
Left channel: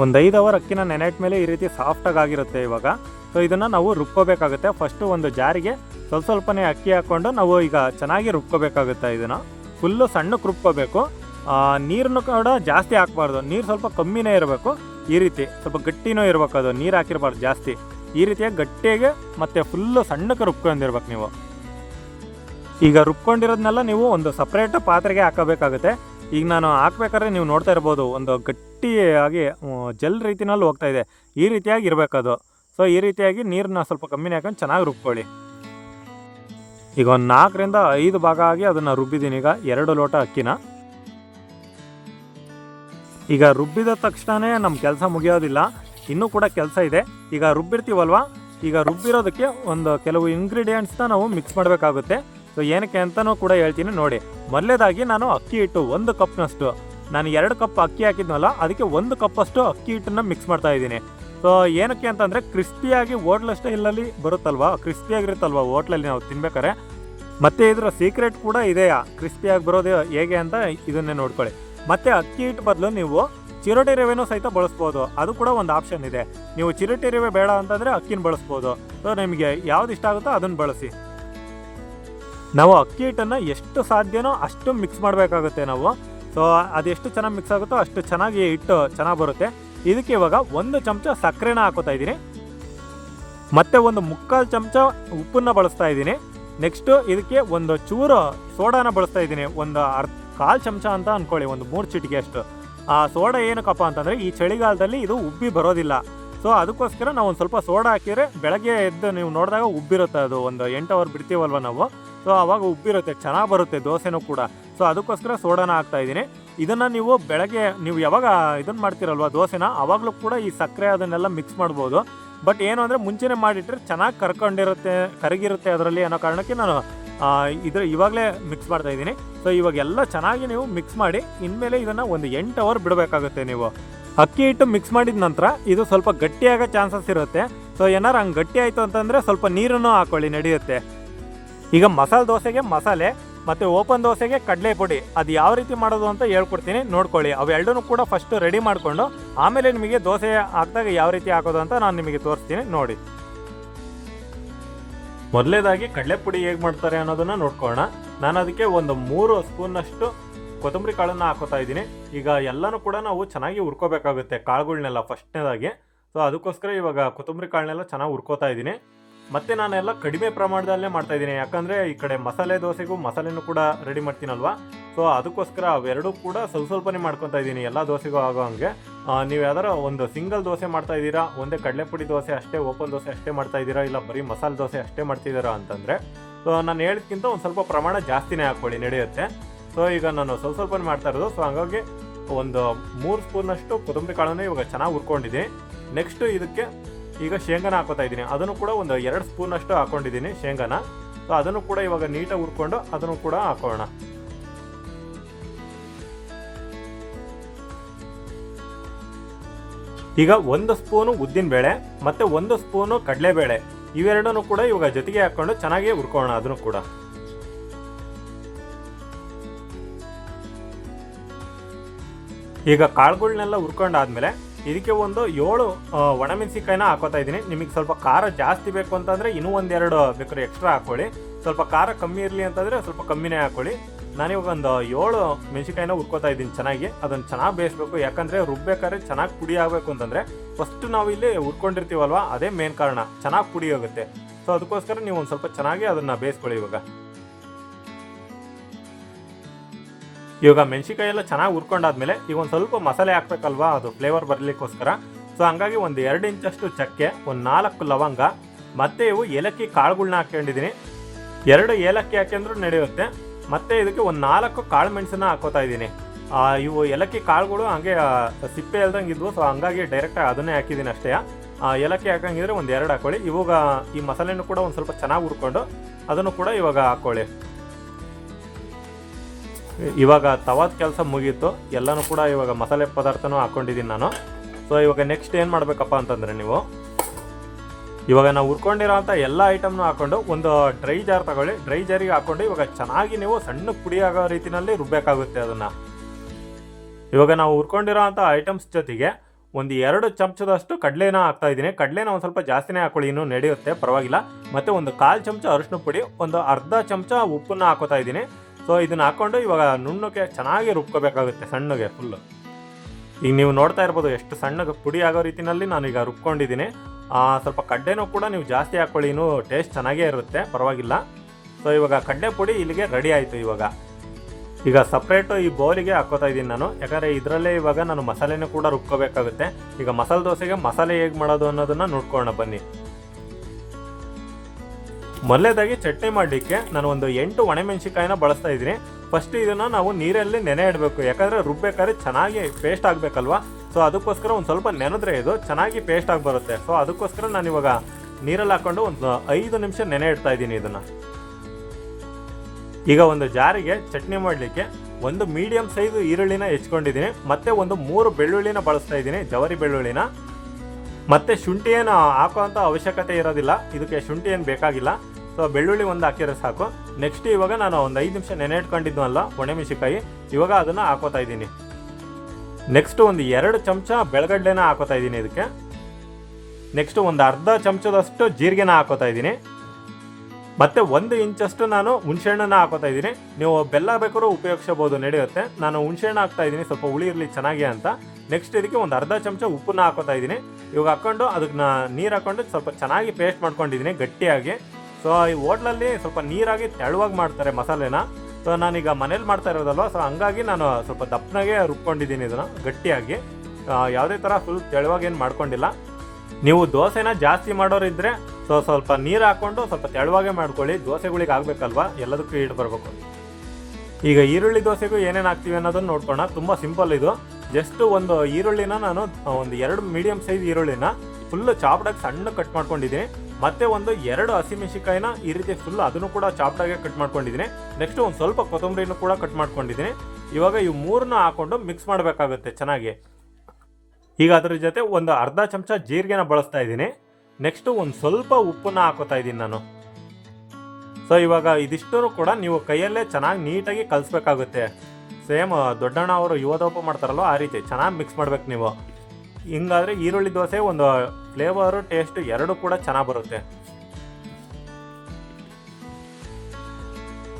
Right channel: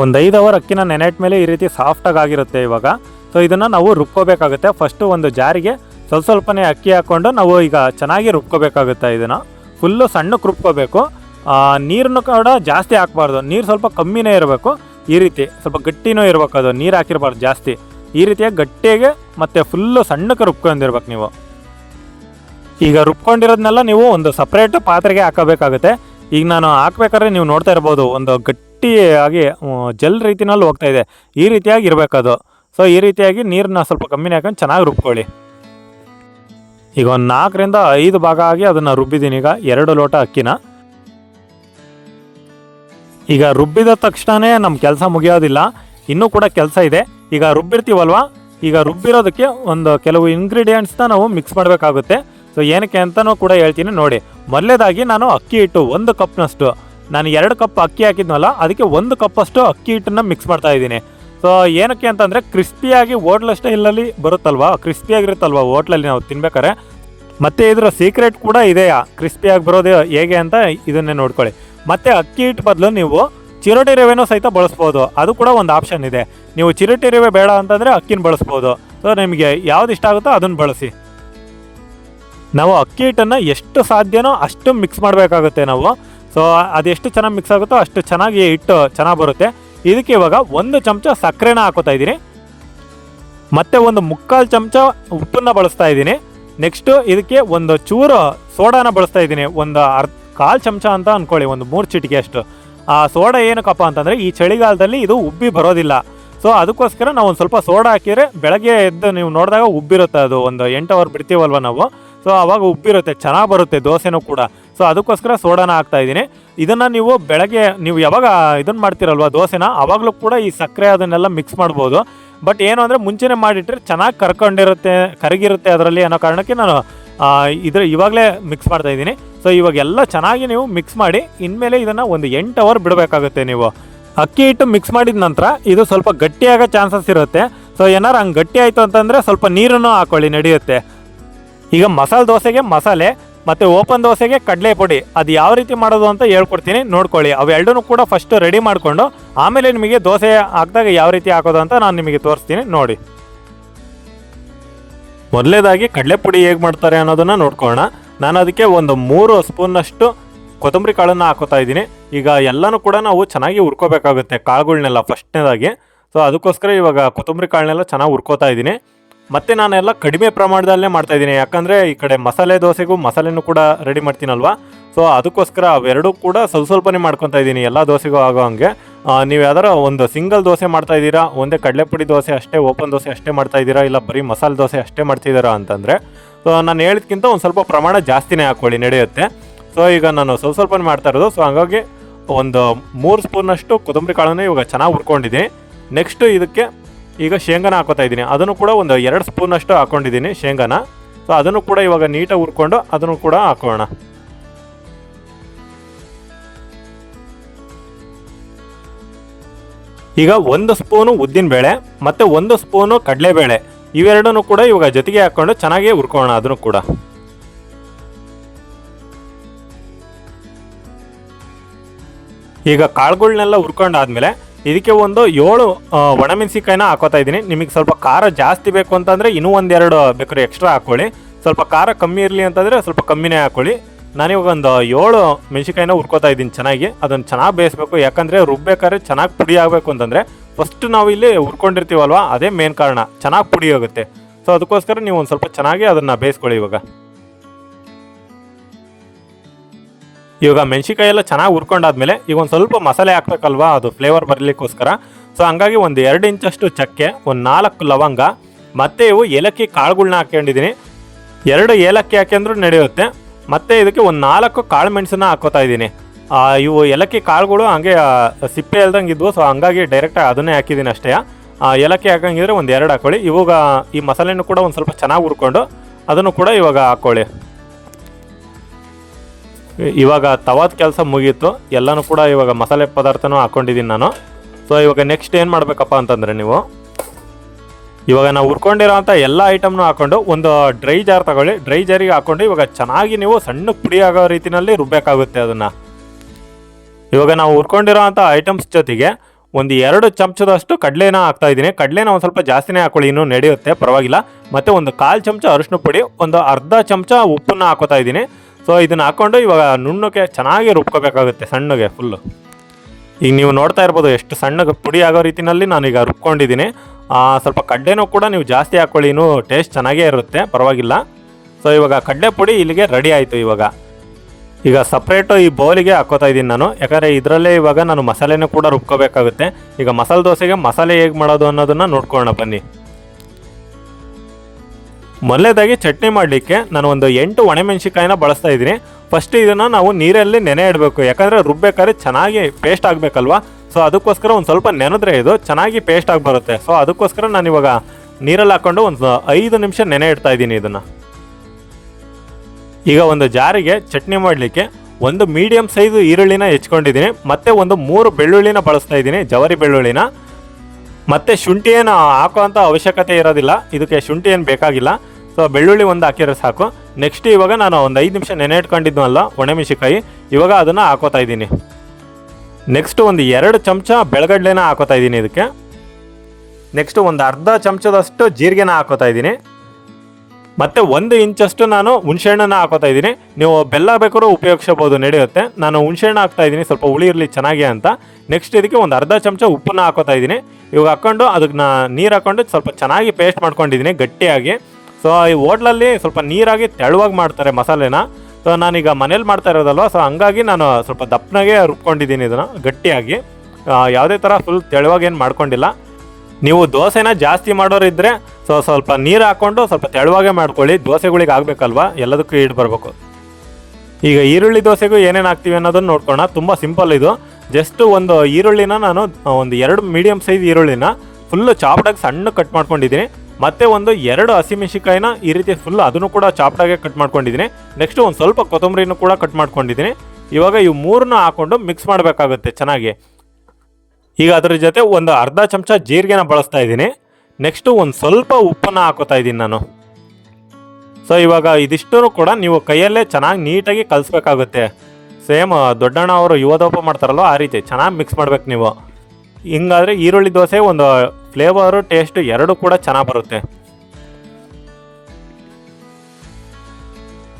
5 ಅವರ್ ಅಕ್ಕಿನ ನೆನೆ ಇಟ್ಮೇಲೆ ಈ ರೀತಿ ಸಾಫ್ಟಾಗಿ ಆಗಿರುತ್ತೆ ಇವಾಗ. ಸೊ ಇದನ್ನು ನಾವು ರುಬ್ಕೋಬೇಕಾಗುತ್ತೆ. ಫಸ್ಟು ಒಂದು ಜಾರಿಗೆ ಸ್ವಲ್ಪನೇ ಅಕ್ಕಿ ಹಾಕ್ಕೊಂಡು ನಾವು ಈಗ ಚೆನ್ನಾಗಿ ರುಬ್ಕೋಬೇಕಾಗುತ್ತೆ. ಇದನ್ನು ಫುಲ್ಲು ಸಣ್ಣಕ್ಕೆ ರುಬ್ಕೋಬೇಕು. ನೀರನ್ನು ಕೂಡ ಜಾಸ್ತಿ ಹಾಕ್ಬಾರ್ದು, ನೀರು ಸ್ವಲ್ಪ ಕಮ್ಮಿನೇ ಇರಬೇಕು. ಈ ರೀತಿ ಸ್ವಲ್ಪ ಗಟ್ಟಿನೂ ಇರಬೇಕು, ಅದು ನೀರು ಹಾಕಿರಬಾರ್ದು ಜಾಸ್ತಿ. ಈ ರೀತಿಯಾಗಿ ಗಟ್ಟಿಗೆ ಮತ್ತು ಫುಲ್ಲು ಸಣ್ಣಕ್ಕೆ ರುಬ್ಕೊಂಡಿರ್ಬೇಕು ನೀವು. ಈಗ ರುಬ್ಕೊಂಡಿರೋದನ್ನೆಲ್ಲ ನೀವು ಒಂದು ಸಪ್ರೇಟ್ ಪಾತ್ರೆಗೆ ಹಾಕಬೇಕಾಗುತ್ತೆ. ಈಗ ನಾನು ಹಾಕ್ಬೇಕಾದ್ರೆ ನೀವು ನೋಡ್ತಾ ಇರ್ಬೋದು, ಒಂದು ಗಟ್ಟಿಯಾಗಿ ಜೆಲ್ ರೀತಿನಲ್ಲಿ ಹೋಗ್ತಾ ಇದೆ. ಈ ರೀತಿಯಾಗಿ ಇರಬೇಕದು. ಸೊ ಈ ರೀತಿಯಾಗಿ ನೀರನ್ನ ಸ್ವಲ್ಪ ಕಮ್ಮಿನೇ ಹಾಕೊಂಡು ಚೆನ್ನಾಗಿ ರುಬ್ಕೊಳ್ಳಿ. ಈಗ 4 ರಿಂದ 5 ಭಾಗ ಆಗಿ ಅದನ್ನು ರುಬ್ಬಿದ್ದೀನಿ. ಈಗ 2 ಲೋಟ ಅಕ್ಕಿನ. ಈಗ ರುಬ್ಬಿದ ತಕ್ಷಣವೇ ನಮ್ಮ ಕೆಲಸ ಮುಗಿಯೋದಿಲ್ಲ, ಇನ್ನೂ ಕೂಡ ಕೆಲಸ ಇದೆ. ಈಗ ರುಬ್ಬಿರ್ತೀವಲ್ವ, ಈಗ ರುಬ್ಬಿರೋದಕ್ಕೆ ಕೆಲವು ಇಂಗ್ರೀಡಿಯೆಂಟ್ಸ್ನ ನಾವು ಮಿಕ್ಸ್ ಮಾಡಬೇಕಾಗುತ್ತೆ. ಸೊ ಏನಕ್ಕೆ ಅಂತಲೂ ಕೂಡ ಹೇಳ್ತೀನಿ ನೋಡಿ. ಮೊದಲೇದಾಗಿ ನಾನು ಅಕ್ಕಿ ಹಿಟ್ಟು 1 ಕಪ್ನಷ್ಟು, ನಾನು 2 ಕಪ್ ಅಕ್ಕಿ ಹಾಕಿದ್ನಲ್ಲ ಅದಕ್ಕೆ 1 ಕಪ್ಪಷ್ಟು ಅಕ್ಕಿ ಹಿಟ್ಟನ್ನು ಮಿಕ್ಸ್ ಮಾಡ್ತಾ ಇದ್ದೀನಿ. ಸೊ ಏನಕ್ಕೆ ಅಂತಂದರೆ ಕ್ರಿಸ್ಪಿಯಾಗಿ ಹೋಟ್ಲ್ ಸ್ಟೈಲಲ್ಲಿ ಬರುತ್ತಲ್ವ, ಕ್ರಿಸ್ಪಿಯಾಗಿರುತ್ತಲ್ವ ಹೋಟ್ಲಲ್ಲಿ ನಾವು ತಿನ್ಬೇಕಾರೆ. ಮತ್ತು ಇದರ ಸೀಕ್ರೆಟ್ ಕೂಡ ಇದೆಯಾ ಕ್ರಿಸ್ಪಿಯಾಗಿ ಬರೋದು ಹೇಗೆ ಅಂತ ಇದನ್ನೇ ನೋಡ್ಕೊಳ್ಳಿ. ಮತ್ತು ಅಕ್ಕಿ ಹಿಟ್ಟು ಬದಲು ನೀವು ಚಿರೋಟಿ ರವೆನೂ ಸಹಿತ ಬಳಸ್ಬೋದು. ಅದು ಕೂಡ ಒಂದು ಆಪ್ಷನ್ ಇದೆ. ನೀವು ಚಿರೋಟಿ ರವೆ ಬೇಡ ಅಂತಂದರೆ ಅಕ್ಕಿನ ಬಳಸ್ಬೋದು. ಸೊ ನಿಮಗೆ ಯಾವ್ದು ಇಷ್ಟ ಆಗುತ್ತೋ ಅದನ್ನು ಬಳಸಿ. ನಾವು ಅಕ್ಕಿ ಹಿಟ್ಟನ್ನು ಎಷ್ಟು ಸಾಧ್ಯನೋ ಅಷ್ಟು ಮಿಕ್ಸ್ ಮಾಡಬೇಕಾಗುತ್ತೆ ನಾವು. ಸೊ ಅದೆಷ್ಟು ಚೆನ್ನಾಗಿ ಮಿಕ್ಸ್ ಆಗುತ್ತೋ ಅಷ್ಟು ಚೆನ್ನಾಗಿ ಹಿಟ್ಟು ಚೆನ್ನಾಗಿ ಬರುತ್ತೆ. ಇದಕ್ಕೆ ಇವಾಗ 1 ಚಮಚ ಸಕ್ಕರೆನ ಹಾಕೋತಾ ಇದ್ದೀನಿ. ಮತ್ತು 1/4 ಚಮಚ ಉಪ್ಪನ್ನು ಬಳಸ್ತಾ ಇದ್ದೀನಿ. ನೆಕ್ಸ್ಟು ಇದಕ್ಕೆ 1 ಚೂರು ಸೋಡಾನ ಬಳಸ್ತಾ ಇದ್ದೀನಿ. 1/4 ಚಮಚ ಅಂತ ಅಂದ್ಕೊಳ್ಳಿ, 3 ಚಿಟಿಕೆ ಅಷ್ಟು. ಆ ಸೋಡಾ ಏನಕ್ಕಪ್ಪ ಅಂತಂದರೆ ಈ ಚಳಿಗಾಲದಲ್ಲಿ ಇದು ಉಬ್ಬಿ ಬರೋದಿಲ್ಲ. ಸೊ ಅದಕ್ಕೋಸ್ಕರ ನಾವು ಒಂದು ಸ್ವಲ್ಪ ಸೋಡಾ ಹಾಕಿದರೆ ಬೆಳಗ್ಗೆ ಎದ್ದು ನೀವು ನೋಡಿದಾಗ ಉಬ್ಬಿರುತ್ತೆ. ಅದು 8 ಅವರ್ ಬಿಡ್ತೀವಲ್ವ ನಾವು, ಸೊ ಆವಾಗ ಉಬ್ಬಿರುತ್ತೆ, ಚೆನ್ನಾಗಿ ಬರುತ್ತೆ ದೋಸೆನೂ ಕೂಡ. ಸೊ ಅದಕ್ಕೋಸ್ಕರ ಸೋಡಾನ ಹಾಕ್ತಾ ಇದ್ದೀನಿ. ಇದನ್ನು ನೀವು ಬೆಳಗ್ಗೆ ನೀವು ಯಾವಾಗ ಇದನ್ನು ಮಾಡ್ತೀರಲ್ವ ದೋಸೆನ, ಆವಾಗಲೂ ಕೂಡ ಈ ಸಕ್ಕರೆ ಅದನ್ನೆಲ್ಲ ಮಿಕ್ಸ್ ಮಾಡ್ಬೋದು. ಬಟ್ ಏನು ಅಂದರೆ ಮುಂಚೆನೇ ಮಾಡಿಟ್ರೆ ಚೆನ್ನಾಗಿ ಕರಗಿರುತ್ತೆ ಅದರಲ್ಲಿ ಅನ್ನೋ ಕಾರಣಕ್ಕೆ ನಾನು ಇವಾಗಲೇ ಮಿಕ್ಸ್ ಮಾಡ್ತಾ ಇದ್ದೀನಿ. ಸೊ ಇವಾಗೆಲ್ಲ ಚೆನ್ನಾಗಿ ನೀವು ಮಿಕ್ಸ್ ಮಾಡಿ ಇನ್ಮೇಲೆ ಇದನ್ನು 8 ಅವರ್ ಬಿಡಬೇಕಾಗುತ್ತೆ ನೀವು. ಅಕ್ಕಿ ಹಿಟ್ಟು ಮಿಕ್ಸ್ ಮಾಡಿದ ನಂತರ ಇದು ಸ್ವಲ್ಪ ಗಟ್ಟಿಯಾಗೋ ಚಾನ್ಸಸ್ ಇರುತ್ತೆ. ಸೊ ಏನಾರು ಹಂಗೆ ಗಟ್ಟಿ ಆಯಿತು ಅಂತಂದರೆ ಸ್ವಲ್ಪ ನೀರನ್ನು ಹಾಕ್ಕೊಳ್ಳಿ, ನಡೆಯುತ್ತೆ. ಈಗ ಮಸಾಲೆ ದೋಸೆಗೆ ಮಸಾಲೆ ಮತ್ತು ಓಪನ್ ದೋಸೆಗೆ ಕಡಲೆ ಪುಡಿ ಅದು ಯಾವ ರೀತಿ ಮಾಡೋದು ಅಂತ ಹೇಳ್ಕೊಡ್ತೀನಿ, ನೋಡ್ಕೊಳ್ಳಿ. ಅವೆರಡೂ ಕೂಡ ಫಸ್ಟು ರೆಡಿ ಮಾಡಿಕೊಂಡು ಆಮೇಲೆ ನಿಮಗೆ ದೋಸೆ ಹಾಕಿದಾಗ ಯಾವ ರೀತಿ ಹಾಕೋದು ಅಂತ ನಾನು ನಿಮಗೆ ತೋರಿಸ್ತೀನಿ ನೋಡಿ. ಮೊದಲೇದಾಗಿ ಕಡಲೆ ಪುಡಿ ಹೇಗೆ ಮಾಡ್ತಾರೆ ಅನ್ನೋದನ್ನು ನೋಡ್ಕೊಳ್ಳೋಣ. ನಾನು ಅದಕ್ಕೆ 3 ಸ್ಪೂನ್ನಷ್ಟು ಕೊತ್ತಂಬರಿ ಕಾಳನ್ನು ಹಾಕೋತಾ ಇದ್ದೀನಿ. ಈಗ ಎಲ್ಲನೂ ಕೂಡ ನಾವು ಚೆನ್ನಾಗಿ ಹುರ್ಕೋಬೇಕಾಗುತ್ತೆ ಕಾಳುಗಳನ್ನೆಲ್ಲ ಫಸ್ಟ್ನೇದಾಗಿ. ಸೊ ಅದಕ್ಕೋಸ್ಕರ ಇವಾಗ ಕೊತ್ತಂಬರಿ ಕಾಳನ್ನೆಲ್ಲ ಚೆನ್ನಾಗಿ ಹುರ್ಕೋತಾ ಇದ್ದೀನಿ. ಮತ್ತು ನಾನೆಲ್ಲ ಕಡಿಮೆ ಪ್ರಮಾಣದಲ್ಲೇ ಮಾಡ್ತಾಯಿದ್ದೀನಿ, ಯಾಕಂದರೆ ಈ ಕಡೆ ಮಸಾಲೆ ದೋಸೆಗೂ ಮಸಾಲೆನೂ ಕೂಡ ರೆಡಿ ಮಾಡ್ತೀನಲ್ವ. ಸೊ ಅದಕ್ಕೋಸ್ಕರ ಅವೆರಡೂ ಕೂಡ ಸ್ವಲ್ಪನೇ ಮಾಡ್ಕೊತಾ ಇದ್ದೀನಿ, ಎಲ್ಲ ದೋಸೆಗೂ ಆಗೋ ಹಂಗೆ. ನೀವು ಯಾವ್ದಾರ ಒಂದು ಸಿಂಗಲ್ ದೋಸೆ ಮಾಡ್ತಾಯಿದ್ದೀರಾ, ಒಂದೇ ಕಡಲೆಪುಡಿ ದೋಸೆ ಅಷ್ಟೇ, ಓಪನ್ ದೋಸೆ ಅಷ್ಟೇ ಮಾಡ್ತಾಯಿದ್ದೀರಾ, ಇಲ್ಲ ಬರೀ ಮಸಾಲೆ ದೋಸೆ ಅಷ್ಟೇ ಮಾಡ್ತಿದ್ದೀರಾ ಅಂತಂದರೆ ಸೊ ನಾನು ಹೇಳಿದ್ಕಿಂತ ಒಂದು ಸ್ವಲ್ಪ ಪ್ರಮಾಣ ಜಾಸ್ತಿನೇ ಹಾಕ್ಕೊಳ್ಳಿ, ನಡೆಯುತ್ತೆ. ಸೊ ಈಗ ನಾನು ಸ್ವಲ್ಪನೇ ಮಾಡ್ತಾ ಇರೋದು. ಸೊ ಹಾಗಾಗಿ 3 ಸ್ಪೂನಷ್ಟು ಕೊತ್ತಂಬರಿ ಕಾಳನ್ನು ಇವಾಗ ಚೆನ್ನಾಗಿ ಹುರ್ಕೊಂಡಿದ್ದೀನಿ. ನೆಕ್ಸ್ಟು ಇದಕ್ಕೆ ಈಗ ಶೇಂಗಾನ ಹಾಕೋತಾ ಇದ್ದೀನಿ. ಅದನ್ನು ಕೂಡ ಒಂದು 2 ಸ್ಪೂನಷ್ಟು ಹಾಕ್ಕೊಂಡಿದ್ದೀನಿ ಶೇಂಗಾನ. ಸೊ ಅದನ್ನು ಕೂಡ ಇವಾಗ ನೀಟಾಗಿ ಹುರ್ಕೊಂಡು ಅದನ್ನು ಕೂಡ ಹಾಕೋಣ. ಈಗ 1 ಸ್ಪೂನು ಉದ್ದಿನಬೇಳೆ ಮತ್ತು 1 ಸ್ಪೂನು ಕಡಲೆಬೇಳೆ ಇವೆರಡನ್ನು ಕೂಡ ಇವಾಗ ಜೊತೆಗೆ ಹಾಕ್ಕೊಂಡು ಚೆನ್ನಾಗಿ ಹುರ್ಕೋಣ. ಅದನ್ನು ಕೂಡ ಈಗ ಕಾಳುಗಳನ್ನೆಲ್ಲ ಹುರ್ಕೊಂಡಾದ್ಮೇಲೆ ಇದಕ್ಕೆ ಒಂದು 7 ಒಣಮೆಣಸಿಕಾಯಿನ ಹಾಕೋತಾ ಇದ್ದೀನಿ. ನಿಮಗೆ ಸ್ವಲ್ಪ ಖಾರ ಜಾಸ್ತಿ ಬೇಕು ಅಂತಂದರೆ ಇನ್ನೂ 1-2 ಬೇಕಾದ್ರೆ ಎಕ್ಸ್ಟ್ರಾ ಹಾಕ್ಕೊಳ್ಳಿ. ಸ್ವಲ್ಪ ಖಾರ ಕಮ್ಮಿ ಇರಲಿ ಅಂತಂದರೆ ಸ್ವಲ್ಪ ಕಮ್ಮಿನೇ ಹಾಕ್ಕೊಳ್ಳಿ. ನಾನಿವಾಗ ಒಂದು 7 ಮೆಣಸಿಕಾಯಿನ ಹುರ್ಕೋತಾ ಇದ್ದೀನಿ ಚೆನ್ನಾಗಿ. ಅದನ್ನು ಚೆನ್ನಾಗಿ ಬೇಯಿಸ್ಬೇಕು. ಯಾಕಂದರೆ ರುಬ್ಬೇಕಾದ್ರೆ ಚೆನ್ನಾಗಿ ಪುಡಿ ಆಗಬೇಕು ಅಂತಂದರೆ ಫಸ್ಟ್ ನಾವು ಇಲ್ಲಿ ಹುರ್ಕೊಂಡಿರ್ತೀವಲ್ವ, ಅದೇ ಮೇನ್ ಕಾರಣ, ಚೆನ್ನಾಗಿ ಪುಡಿ ಹೋಗುತ್ತೆ. ಸೊ ಅದಕ್ಕೋಸ್ಕರ ನೀವು ಒಂದು ಸ್ವಲ್ಪ ಚೆನ್ನಾಗಿ ಅದನ್ನು ಬೇಯಿಸ್ಕೊಳ್ಳಿ. ಇವಾಗ ಮೆಣಸಿಕಾಯಿ ಎಲ್ಲ ಚೆನ್ನಾಗಿ ಹುರ್ಕೊಂಡಾದ್ಮೇಲೆ ಈಗ ಒಂದು ಸ್ವಲ್ಪ ಮಸಾಲೆ ಹಾಕ್ಬೇಕಲ್ವಾ, ಅದು ಫ್ಲೇವರ್ ಬರಲಿಕ್ಕೋಸ್ಕರ. ಸೊ ಹಂಗಾಗಿ ಒಂದು 2 ಇಂಚಷ್ಟು ಚಕ್ಕೆ, ಒಂದು 4 ಲವಂಗ ಮತ್ತು ಇವು ಏಲಕ್ಕಿ ಕಾಳುಗಳನ್ನ ಹಾಕ್ಕೊಂಡಿದ್ದೀನಿ. 2 ಏಲಕ್ಕಿ ಹಾಕಿಂದ್ರೂ ನಡೆಯುತ್ತೆ. ಮತ್ತು ಇದಕ್ಕೆ ಒಂದು 4 ಕಾಳು ಮೆಣಸನ್ನ ಹಾಕೋತಾ ಇದ್ದೀನಿ. ಇವು ಏಲಕ್ಕಿ ಕಾಳುಗಳು ಹಂಗೆ ಸಿಪ್ಪೆ ಇಲ್ದಂಗೆ ಇದ್ವು. ಸೊ ಹಂಗಾಗಿ ಡೈರೆಕ್ಟಾಗಿ ಅದನ್ನೇ ಹಾಕಿದ್ದೀನಿ ಅಷ್ಟೇ. ಏಲಕ್ಕಿ ಹಾಕಂಗಿದ್ರೆ ಒಂದು 2 ಹಾಕ್ಕೊಳ್ಳಿ. ಇವಾಗ ಈ ಮಸಾಲೆನೂ ಕೂಡ ಒಂದು ಸ್ವಲ್ಪ ಚೆನ್ನಾಗಿ ಹುರ್ಕೊಂಡು ಅದನ್ನು ಕೂಡ ಇವಾಗ ಹಾಕ್ಕೊಳ್ಳಿ. ಇವಾಗ ತವಾದ ಕೆಲಸ ಮುಗೀತು, ಎಲ್ಲನೂ ಕೂಡ ಇವಾಗ ಮಸಾಲೆ ಪದಾರ್ಥನೂ ಹಾಕ್ಕೊಂಡಿದ್ದೀನಿ ನಾನು. ಸೊ ಇವಾಗ ನೆಕ್ಸ್ಟ್ ಏನು ಮಾಡಬೇಕಪ್ಪ ಅಂತಂದರೆ, ನೀವು ಇವಾಗ ನಾವು ಹುರ್ಕೊಂಡಿರೋಂಥ ಎಲ್ಲ ಐಟಮ್ನು ಹಾಕ್ಕೊಂಡು ಒಂದು ಡ್ರೈ ಜಾರ್ ತಗೊಳ್ಳಿ. ಡ್ರೈ ಜಾರಿಗೆ ಹಾಕ್ಕೊಂಡು ಇವಾಗ ಚೆನ್ನಾಗಿ ನೀವು ಸಣ್ಣ ಪುಡಿ ಆಗೋ ರೀತಿಯಲ್ಲಿ ರುಬ್ಬೇಕಾಗುತ್ತೆ ಅದನ್ನು. ಇವಾಗ ನಾವು ಹುರ್ಕೊಂಡಿರೋಂಥ ಐಟಮ್ಸ್ ಜೊತೆಗೆ ಒಂದು 2 ಚಮಚದಷ್ಟು ಕಡಲೆನ ಹಾಕ್ತಾ ಇದ್ದೀನಿ. ಕಡಲೆನ ಒಂದು ಸ್ವಲ್ಪ ಜಾಸ್ತಿನೇ ಹಾಕ್ಕೊಳ್ಳಿ, ಇನ್ನೂ ನಡೆಯುತ್ತೆ, ಪರವಾಗಿಲ್ಲ. ಮತ್ತು ಒಂದು 1/4 ಚಮಚ ಅರಿಶಿನ ಪುಡಿ, ಒಂದು ಅರ್ಧ ಚಮಚ ಉಪ್ಪನ್ನು ಹಾಕೋತಾ ಇದ್ದೀನಿ. ಸೊ ಇದನ್ನು ಹಾಕ್ಕೊಂಡು ಇವಾಗ ನುಣ್ಣಗೆ ಚೆನ್ನಾಗಿ ರುಬ್ಕೋಬೇಕಾಗುತ್ತೆ ಸಣ್ಣಗೆ ಫುಲ್ಲು. ಈಗ ನೀವು ನೋಡ್ತಾ ಇರ್ಬೋದು ಎಷ್ಟು ಸಣ್ಣಗೆ ಪುಡಿ ಆಗೋ ರೀತಿಯಲ್ಲಿ ನಾನೀಗ ರುಬ್ಕೊಂಡಿದ್ದೀನಿ. ಸ್ವಲ್ಪ ಕಡ್ಲೆನೂ ಕೂಡ ನೀವು ಜಾಸ್ತಿ ಹಾಕ್ಕೊಳ್ಳಿ, ಇನ್ನೂ ಟೇಸ್ಟ್ ಚೆನ್ನಾಗೇ ಇರುತ್ತೆ, ಪರವಾಗಿಲ್ಲ. ಸೊ ಇವಾಗ ಕಡಲೆ ಪುಡಿ ಇಲ್ಲಿಗೆ ರೆಡಿ ಆಯಿತು. ಈಗ ಸಪ್ರೇಟು ಈ ಬೌಲಿಗೆ ಹಾಕೋತಾ ಇದ್ದೀನಿ ನಾನು, ಯಾಕಂದರೆ ಇದರಲ್ಲೇ ಇವಾಗ ನಾನು ಮಸಾಲೆನೂ ಕೂಡ ರುಬ್ಕೋಬೇಕಾಗುತ್ತೆ. ಈಗ ಮಸಾಲೆ ದೋಸೆಗೆ ಮಸಾಲೆ ಹೇಗೆ ಮಾಡೋದು ಅನ್ನೋದನ್ನು ನೋಡ್ಕೊಳ್ಳೋಣ ಬನ್ನಿ. ಮೊದಲನೇದಾಗಿ ಚಟ್ನಿ ಮಾಡಲಿಕ್ಕೆ ನಾನು ಒಂದು 8 ಒಣಮೆಣಸಿಕಾಯಿನ ಬಳಸ್ತಾ ಇದ್ದೀನಿ. ಫಸ್ಟ್ ಇದನ್ನು ನಾವು ನೀರಲ್ಲಿ ನೆನೆ ಇಡಬೇಕು, ಯಾಕಂದರೆ ರುಬ್ಬೇಕಾದ್ರೆ ಚೆನ್ನಾಗಿ ಪೇಸ್ಟ್ ಆಗಬೇಕಲ್ವಾ. ಸೊ ಅದಕ್ಕೋಸ್ಕರ ಒಂದು ಸ್ವಲ್ಪ ನೆನೆದ್ರೆ ಇದು ಚೆನ್ನಾಗಿ ಪೇಸ್ಟ್ ಆಗಿ ಬರುತ್ತೆ. ಸೊ ಅದಕ್ಕೋಸ್ಕರ ನಾನು ಇವಾಗ ನೀರಲ್ಲಿ ಹಾಕ್ಕೊಂಡು ಒಂದು 5 ನಿಮಿಷ ನೆನೆ ಇಡ್ತಾ ಇದ್ದೀನಿ ಇದನ್ನು. ಈಗ ಒಂದು ಜಾರಿಗೆ ಚಟ್ನಿ ಮಾಡಲಿಕ್ಕೆ ಒಂದು ಮೀಡಿಯಮ್ ಸೈಜು ಈರುಳ್ಳಿನ ಹೆಚ್ಕೊಂಡಿದ್ದೀನಿ, ಮತ್ತು ಒಂದು 3 ಬೆಳ್ಳುಳ್ಳಿನ ಬಳಸ್ತಾ ಇದ್ದೀನಿ, ಜವರಿ ಬೆಳ್ಳುಳ್ಳಿನ. ಮತ್ತು ಶುಂಠಿ ಏನು ಹಾಕುವಂಥ ಅವಶ್ಯಕತೆ ಇರೋದಿಲ್ಲ, ಇದಕ್ಕೆ ಶುಂಠಿ ಏನು ಬೇಕಾಗಿಲ್ಲ. ಸೊ ಬೆಳ್ಳುಳ್ಳಿ ಒಂದು ಹಾಕಿದ್ರೆ ಸಾಕು. ನೆಕ್ಸ್ಟ್ ಇವಾಗ ನಾನು ಒಂದು 5 ನಿಮಿಷ ನೆನೆ ಇಟ್ಕೊಂಡಿದ್ನಲ್ಲ ಒಣಮೆಣಸಿಕಾಯಿ, ಇವಾಗ ಅದನ್ನು ಹಾಕೋತಾ ಇದ್ದೀನಿ. ನೆಕ್ಸ್ಟ್ ಒಂದು 2 ಚಮಚ ಬೆಳಗಡ್ಲೆನ ಹಾಕೋತಾ ಇದ್ದೀನಿ ಇದಕ್ಕೆ. ನೆಕ್ಸ್ಟ್ ಒಂದು ಅರ್ಧ ಚಮಚದಷ್ಟು ಜೀರಿಗೆನ ಹಾಕೋತಾ ಇದ್ದೀನಿ. ಮತ್ತು 1 ಇಂಚಷ್ಟು ನಾನು ಹುಣಸೆಹಣ್ಣನ್ನು ಹಾಕೋತಾ ಇದ್ದೀನಿ. ನೀವು ಬೆಲ್ಲ ಬೇಕಾದ್ರೂ ಉಪಯೋಗಿಸಬಹುದು, ನಡೆಯುತ್ತೆ. ನಾನು ಹುಣಸೆಹಣ್ಣು ಹಾಕ್ತಾ ಇದ್ದೀನಿ ಸ್ವಲ್ಪ ಹುಳಿ ಇರಲಿ ಚೆನ್ನಾಗಿ ಅಂತ. ನೆಕ್ಸ್ಟ್ ಇದಕ್ಕೆ ಒಂದು ಅರ್ಧ ಚಮಚ ಉಪ್ಪನ್ನ ಹಾಕೋತಾ ಇದ್ದೀನಿ. ಇವಾಗ ಹಾಕ್ಕೊಂಡು ಅದಕ್ಕೆ ನೀರು ಹಾಕ್ಕೊಂಡು ಸ್ವಲ್ಪ ಚೆನ್ನಾಗಿ ಪೇಸ್ಟ್ ಮಾಡ್ಕೊಂಡಿದ್ದೀನಿ ಗಟ್ಟಿಯಾಗಿ. ಸೊ ಈ ಹೋಟ್ಲಲ್ಲಿ ಸ್ವಲ್ಪ ನೀರಾಗಿ ತೆಳುವಾಗಿ ಮಾಡ್ತಾರೆ ಮಸಾಲೆನ. ಸೊ ನಾನೀಗ ಮನೇಲಿ ಮಾಡ್ತಾ ಇರೋದಲ್ವ, ಸೊ ಹಂಗಾಗಿ ನಾನು ಸ್ವಲ್ಪ ದಪ್ಪನಾಗೆ ರುಬ್ಕೊಂಡಿದ್ದೀನಿ ಇದನ್ನು ಗಟ್ಟಿಯಾಗಿ. ಯಾವುದೇ ಥರ ಫುಲ್ ತೆಳುವಾಗಿ ಏನು ಮಾಡ್ಕೊಂಡಿಲ್ಲ. ನೀವು ದೋಸೆನ ಜಾಸ್ತಿ ಮಾಡೋರಿದ್ದರೆ ಸ್ವಲ್ಪ ನೀರು ಹಾಕ್ಕೊಂಡು ಸ್ವಲ್ಪ ತೆಳುವಾಗೇ ಮಾಡ್ಕೊಳ್ಳಿ, ದೋಸೆಗಳಿಗೆ ಆಗಬೇಕಲ್ವ, ಎಲ್ಲದಕ್ಕೂ ಈಡು ಬರಬೇಕು. ಈಗ ಈರುಳ್ಳಿ ದೋಸೆಗೂ ಏನೇನು ಹಾಕ್ತೀವಿ ಅನ್ನೋದನ್ನು ನೋಡ್ಕೊಳ್ಳೋಣ. ತುಂಬ ಸಿಂಪಲ್ ಇದು. ಜಸ್ಟ್ ಒಂದು ಈರುಳ್ಳಿನ ನಾನು ಒಂದು 2 ಮೀಡಿಯಮ್ ಸೈಜ್ ಈರುಳ್ಳಿನ ಫುಲ್ಲು ಚಾಪ್ಡಾಗಿ ಸಣ್ಣ ಕಟ್ ಮಾಡ್ಕೊಂಡಿದ್ದೀನಿ. ಮತ್ತು ಒಂದು 2 ಹಸಿಮೆಣಸಿಕಾಯಿನ ಈ ರೀತಿ ಫುಲ್ ಅದನ್ನು ಕೂಡ ಚಾಪ್ಡಾಗೆ ಕಟ್ ಮಾಡ್ಕೊಂಡಿದ್ದೀನಿ. ನೆಕ್ಸ್ಟ್ ಒಂದು ಸ್ವಲ್ಪ ಕೊತ್ತಂಬರಿನೂ ಕೂಡ ಕಟ್ ಮಾಡ್ಕೊಂಡಿದ್ದೀನಿ. ಇವಾಗ ಇವು 3ನ ಹಾಕ್ಕೊಂಡು ಮಿಕ್ಸ್ ಮಾಡಬೇಕಾಗುತ್ತೆ ಚೆನ್ನಾಗಿ. ಈಗ ಅದರ ಜೊತೆ ಒಂದು ಅರ್ಧ ಚಮಚ ಜೀರಿಗೆನ ಬಳಸ್ತಾ ಇದ್ದೀನಿ. ನೆಕ್ಸ್ಟು ಒಂದು ಸ್ವಲ್ಪ ಉಪ್ಪನ್ನು ಹಾಕೋತಾ ಇದ್ದೀನಿ ನಾನು. ಸೊ ಇವಾಗ ಇದಿಷ್ಟೂ ಕೂಡ ನೀವು ಕೈಯಲ್ಲೇ ಚೆನ್ನಾಗಿ ನೀಟಾಗಿ ಕಲಿಸ್ಬೇಕಾಗುತ್ತೆ. ಸೇಮ್ ದೊಡ್ಡಣ್ಣ ಅವರು ಯುವದೋಪ ಮಾಡ್ತಾರಲ್ವ ಆ ರೀತಿ ಚೆನ್ನಾಗಿ ಮಿಕ್ಸ್ ಮಾಡ್ಬೇಕು ನೀವು. ಹಿಂಗಾದರೆ ಈರುಳ್ಳಿ ದೋಸೆ ಒಂದು ಫ್ಲೇವರು ಟೇಸ್ಟು ಎರಡೂ ಕೂಡ ಚೆನ್ನಾಗಿ ಬರುತ್ತೆ.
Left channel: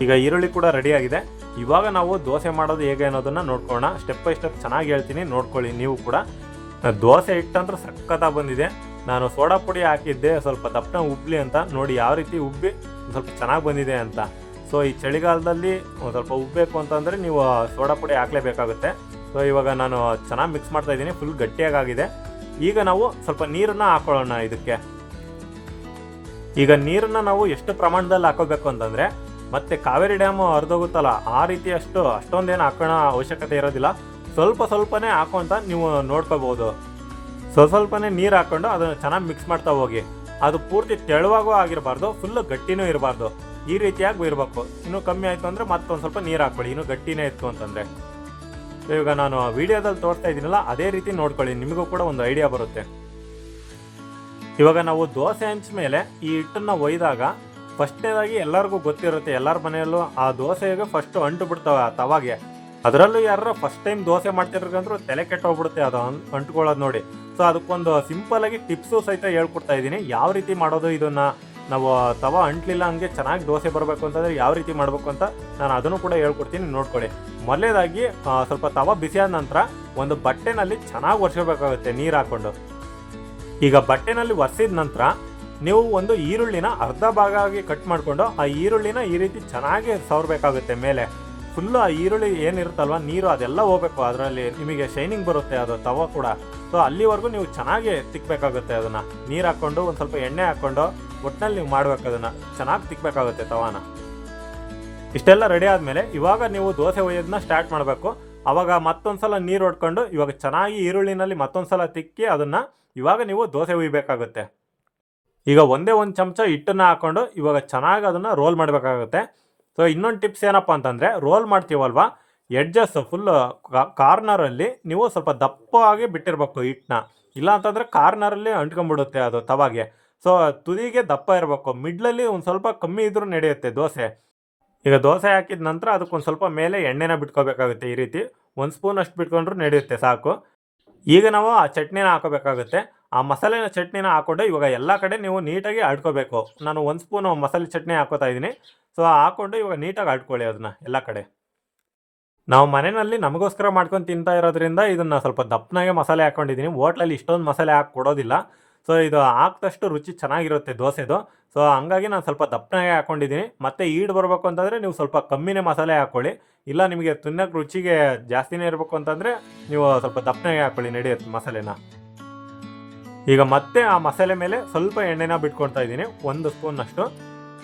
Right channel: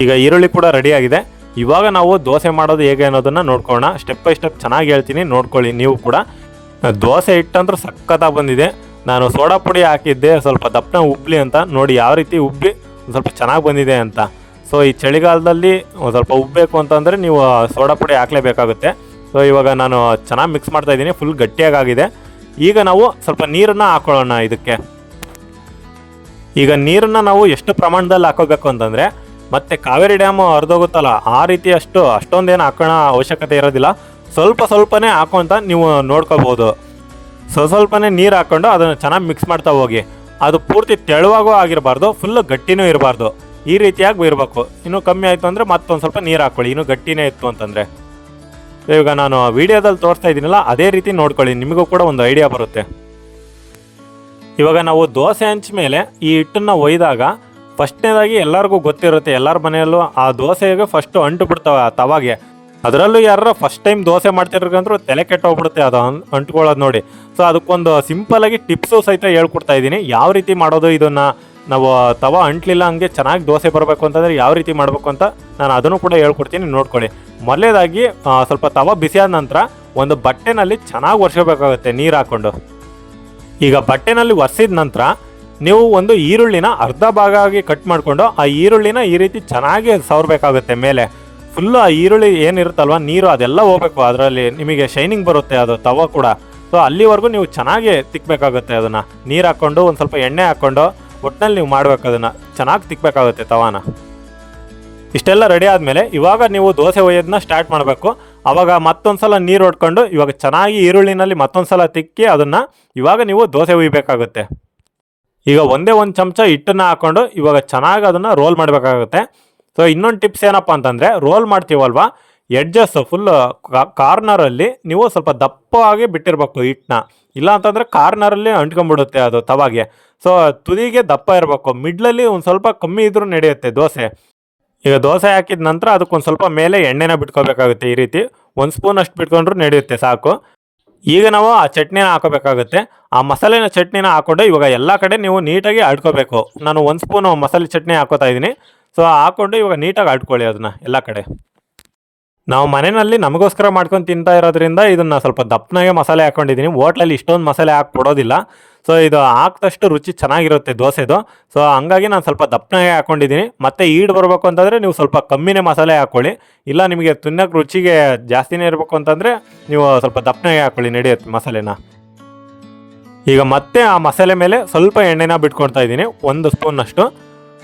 ಈಗ ಈರುಳ್ಳಿ ಕೂಡ ರೆಡಿಯಾಗಿದೆ. ಇವಾಗ ನಾವು ದೋಸೆ ಮಾಡೋದು ಹೇಗೆ ಅನ್ನೋದನ್ನು ನೋಡ್ಕೊಳ್ಳೋಣ. ಸ್ಟೆಪ್ ಬೈ ಸ್ಟೆಪ್ ಚೆನ್ನಾಗಿ ಹೇಳ್ತೀನಿ, ನೋಡ್ಕೊಳ್ಳಿ ನೀವು ಕೂಡ. ದೋಸೆ ಹಿಟ್ಟಂದ್ರೂ ಸಖತ್ತಾಗಿ ಬಂದಿದೆ. ನಾನು ಸೋಡಾ ಪುಡಿ ಹಾಕಿದ್ದೆ ಸ್ವಲ್ಪ ದಪ್ಪನ ಉಬ್ಬಲಿ ಅಂತ, ನೋಡಿ ಯಾವ ರೀತಿ ಉಬ್ಬಿ ಸ್ವಲ್ಪ ಚೆನ್ನಾಗಿ ಬಂದಿದೆ ಅಂತ. ಸೊ ಈ ಚಳಿಗಾಲದಲ್ಲಿ ಒಂದು ಸ್ವಲ್ಪ ಉಬ್ಬಬೇಕು ಅಂತಂದರೆ ನೀವು ಸೋಡಾ ಪುಡಿ ಹಾಕಲೇಬೇಕಾಗುತ್ತೆ. ಸೊ ಇವಾಗ ನಾನು ಚೆನ್ನಾಗಿ ಮಿಕ್ಸ್ ಮಾಡ್ತಾಯಿದ್ದೀನಿ, ಫುಲ್ ಗಟ್ಟಿಯಾಗಿದೆ. ಈಗ ನಾವು ಸ್ವಲ್ಪ ನೀರನ್ನು ಹಾಕೊಳ್ಳೋಣ ಇದಕ್ಕೆ. ಈಗ ನೀರನ್ನು ನಾವು ಎಷ್ಟು ಪ್ರಮಾಣದಲ್ಲಿ ಹಾಕೋಬೇಕು ಅಂತಂದರೆ, ಮತ್ತು ಕಾವೇರಿ ಡ್ಯಾಮು ಹರಿದೋಗುತ್ತಲ್ಲ ಆ ರೀತಿ ಅಷ್ಟೊಂದೇನು ಹಾಕೋಣ ಅವಶ್ಯಕತೆ ಇರೋದಿಲ್ಲ. ಸ್ವಲ್ಪನೇ ಹಾಕೋ ಅಂತ ನೀವು ನೋಡ್ಕೋಬೋದು. ಸ್ವಲ್ಪನೇ ನೀರು ಹಾಕ್ಕೊಂಡು ಅದನ್ನು ಚೆನ್ನಾಗಿ ಮಿಕ್ಸ್ ಮಾಡ್ತಾ ಹೋಗಿ. ಅದು ಪೂರ್ತಿ ತೆಳುವಾಗೂ ಆಗಿರಬಾರ್ದು, ಫುಲ್ಲು ಗಟ್ಟಿನೂ ಇರಬಾರ್ದು. ಈ ರೀತಿಯಾಗಿ ಇರಬೇಕು. ಇನ್ನೂ ಕಮ್ಮಿ ಆಯಿತು ಅಂದರೆ ಮತ್ತೊಂದು ಸ್ವಲ್ಪ ನೀರು ಹಾಕ್ಕೊಳ್ಳಿ, ಇನ್ನೂ ಗಟ್ಟಿನೇ ಇತ್ತು ಅಂತಂದರೆ. ಇವಾಗ ನಾನು ವೀಡಿಯೋದಲ್ಲಿ ತೋರಿಸ್ತಾ ಇದ್ದೀನಲ್ಲ ಅದೇ ರೀತಿ ನೋಡ್ಕೊಳ್ಳಿ, ನಿಮಗೂ ಕೂಡ ಒಂದು ಐಡಿಯಾ ಬರುತ್ತೆ. ಇವಾಗ ನಾವು ದೋಸೆ ಹಂಚ ಮೇಲೆ ಈ ಹಿಟ್ಟನ್ನು ಒಯ್ದಾಗ ಫಸ್ಟ್ನೇದಾಗಿ ಎಲ್ಲರಿಗೂ ಗೊತ್ತಿರುತ್ತೆ, ಎಲ್ಲರ ಮನೆಯಲ್ಲೂ ಆ ದೋಸೆಗೆ ಫಸ್ಟು ಅಂಟು ಬಿಡ್ತಾವೆ ಆ ತವಾಗೆ. ಅದರಲ್ಲೂ ಯಾರು ಫಸ್ಟ್ ಟೈಮ್ ದೋಸೆ ಮಾಡ್ತಿರ್ಕಂದ್ರೂ ತಲೆ ಕೆಟ್ಟೋಗ್ಬಿಡುತ್ತೆ ಅದು ಅಂಟ್ಕೊಳ್ಳೋದು ನೋಡಿ. ಸೊ ಅದಕ್ಕೊಂದು ಸಿಂಪಲಾಗಿ ಟಿಪ್ಸು ಸಹಿತ ಹೇಳ್ಕೊಡ್ತಾ ಇದ್ದೀನಿ, ಯಾವ ರೀತಿ ಮಾಡೋದು. ಇದನ್ನು ನಾವು ತವ ಅಂಟ್ಲಿಲ್ಲ ಹಂಗೆ ಚೆನ್ನಾಗಿ ದೋಸೆ ಬರಬೇಕು ಅಂತಂದರೆ ಯಾವ ರೀತಿ ಮಾಡಬೇಕು ಅಂತ ನಾನು ಅದನ್ನು ಕೂಡ ಹೇಳ್ಕೊಡ್ತೀನಿ, ನೋಡ್ಕೊಳ್ಳಿ. ಮೊದಲೇದಾಗಿ ಸ್ವಲ್ಪ ತವ ಬಿಸಿಯಾದ ನಂತರ ಒಂದು ಬಟ್ಟೆನಲ್ಲಿ ಚೆನ್ನಾಗಿ ಒರೆಸ್ಕೋಬೇಕಾಗುತ್ತೆ ನೀರು ಹಾಕ್ಕೊಂಡು. ಈಗ ಬಟ್ಟೆನಲ್ಲಿ ಒರೆಸಿದ ನಂತರ ನೀವು ಒಂದು ಈರುಳ್ಳಿನ ಅರ್ಧ ಭಾಗ ಆಗಿ ಕಟ್ ಮಾಡಿಕೊಂಡು ಆ ಈರುಳ್ಳಿನ ಈ ರೀತಿ ಚೆನ್ನಾಗಿ ಸವರಬೇಕಾಗುತ್ತೆ ಮೇಲೆ. ಫುಲ್ಲು ಆ ಈರುಳ್ಳಿ ಏನಿರುತ್ತಲ್ವ ನೀರು ಅದೆಲ್ಲ ಹೋಗ್ಬೇಕು, ಅದರಲ್ಲಿ ನಿಮಗೆ ಶೈನಿಂಗ್ ಬರುತ್ತೆ ಅದು ತವ ಕೂಡ. ಸೊ ಅಲ್ಲಿವರೆಗೂ ನೀವು ಚೆನ್ನಾಗಿ ತಿಕ್ಕಬೇಕಾಗುತ್ತೆ. ಅದನ್ನು ನೀರು ಹಾಕ್ಕೊಂಡು ಒಂದು ಸ್ವಲ್ಪ ಎಣ್ಣೆ ಹಾಕ್ಕೊಂಡು ಒಟ್ಟಿನಲ್ಲಿ ನೀವು ಮಾಡಬೇಕು, ಅದನ್ನು ಚೆನ್ನಾಗಿ ತಿಕ್ಕಬೇಕಾಗುತ್ತೆ ತವಾನ. ಇಷ್ಟೆಲ್ಲ ರೆಡಿ ಆದಮೇಲೆ ಇವಾಗ ನೀವು ದೋಸೆ ಒಯ್ಯೋದನ್ನ ಸ್ಟಾರ್ಟ್ ಮಾಡಬೇಕು. ಆವಾಗ ಮತ್ತೊಂದು ಸಲ ನೀರು ಹೊಡ್ಕೊಂಡು ಇವಾಗ ಚೆನ್ನಾಗಿ ಈರುಳ್ಳಿನಲ್ಲಿ ಮತ್ತೊಂದು ಸಲ ತಿಕ್ಕಿ ಅದನ್ನು ಇವಾಗ ನೀವು ದೋಸೆ ಒಯ್ಯಬೇಕಾಗುತ್ತೆ. ಈಗ ಒಂದೇ ಒಂದು ಚಮಚ ಹಿಟ್ಟನ್ನು ಹಾಕ್ಕೊಂಡು ಇವಾಗ ಚೆನ್ನಾಗಿ ಅದನ್ನು ರೋಲ್ ಮಾಡಬೇಕಾಗುತ್ತೆ. ಸೊ ಇನ್ನೊಂದು ಟಿಪ್ಸ್ ಏನಪ್ಪ ಅಂತಂದರೆ, ರೋಲ್ ಮಾಡ್ತೀವಲ್ವ ಎಡ್ಜಸ್ ಫುಲ್ ಕಾರ್ನರಲ್ಲಿ ನೀವು ಸ್ವಲ್ಪ ದಪ್ಪವಾಗಿ ಬಿಟ್ಟಿರಬೇಕು ಹಿಟ್ಟನ್ನ, ಇಲ್ಲ ಅಂತಂದರೆ ಕಾರ್ನರಲ್ಲಿ ಅಂಟ್ಕೊಂಡ್ಬಿಡುತ್ತೆ ಅದು ತವಾಗೆ. ಸೊ ತುದಿಗೆ ದಪ್ಪ ಇರಬೇಕು, ಮಿಡ್ಲಲ್ಲಿ ಒಂದು ಸ್ವಲ್ಪ ಕಮ್ಮಿ ಇದ್ರೂ ನಡೆಯುತ್ತೆ ದೋಸೆ. ಈಗ ದೋಸೆ ಹಾಕಿದ ನಂತರ ಅದಕ್ಕೊಂದು ಸ್ವಲ್ಪ ಮೇಲೆ ಎಣ್ಣೆನ ಬಿಟ್ಕೋಬೇಕಾಗುತ್ತೆ. ಈ ರೀತಿ 1 ಸ್ಪೂನ್ ಅಷ್ಟು ಬಿಟ್ಕೊಂಡ್ರೂ ನಡೆಯುತ್ತೆ, ಸಾಕು. ಈಗ ನಾವು ಆ ಚಟ್ನಿನ ಹಾಕೋಬೇಕಾಗುತ್ತೆ. ಆ ಮಸಾಲೆನ ಚಟ್ನಿನ ಹಾಕ್ಕೊಂಡು ಇವಾಗ ಎಲ್ಲ ಕಡೆ ನೀವು ನೀಟಾಗಿ ಆಡ್ಕೋಬೇಕು. ನಾನು 1 ಸ್ಪೂನು ಮಸಾಲೆ ಚಟ್ನಿ ಹಾಕೋತಾ ಇದ್ದೀನಿ. ಸೊ ಹಾಕ್ಕೊಂಡು ಇವಾಗ ನೀಟಾಗಿ ಆಡ್ಕೊಳ್ಳಿ ಅದನ್ನು ಎಲ್ಲ ಕಡೆ. ನಾವು ಮನೆಯಲ್ಲಿ ನಮಗೋಸ್ಕರ ಮಾಡ್ಕೊಂಡು ತಿಂತಾ ಇರೋದ್ರಿಂದ ಇದನ್ನು ಸ್ವಲ್ಪ ದಪ್ಪನಾಗೆ ಮಸಾಲೆ ಹಾಕ್ಕೊಂಡಿದ್ದೀನಿ. ಹೋಟ್ಲಲ್ಲಿ ಇಷ್ಟೊಂದು ಮಸಾಲೆ ಹಾಕ್ಕೊಡೋದಿಲ್ಲ. ಸೊ ಇದು ಹಾಕಿದಷ್ಟು ರುಚಿ ಚೆನ್ನಾಗಿರುತ್ತೆ ದೋಸೆದು. ಸೊ ಹಂಗಾಗಿ ನಾನು ಸ್ವಲ್ಪ ದಪ್ಪನಾಗೆ ಹಾಕ್ಕೊಂಡಿದ್ದೀನಿ. ಮತ್ತು ಈಡು ಬರಬೇಕು ಅಂತಂದರೆ ನೀವು ಸ್ವಲ್ಪ ಕಮ್ಮಿನೇ ಮಸಾಲೆ ಹಾಕ್ಕೊಳ್ಳಿ, ಇಲ್ಲ ನಿಮಗೆ ತಿನ್ನೋಕೆ ರುಚಿಗೆ ಜಾಸ್ತಿನೇ ಇರಬೇಕು ಅಂತಂದರೆ ನೀವು ಸ್ವಲ್ಪ ದಪ್ಪನಾಗೆ ಹಾಕ್ಕೊಳ್ಳಿ, ನಡೆಯುತ್ತೆ ಮಸಾಲೆನ. ಈಗ ಮತ್ತೆ ಆ ಮಸಾಲೆ ಮೇಲೆ ಸ್ವಲ್ಪ ಎಣ್ಣೆನ ಬಿಟ್ಕೊಳ್ತಾ ಇದ್ದೀನಿ, 1 ಸ್ಪೂನ್ನಷ್ಟು.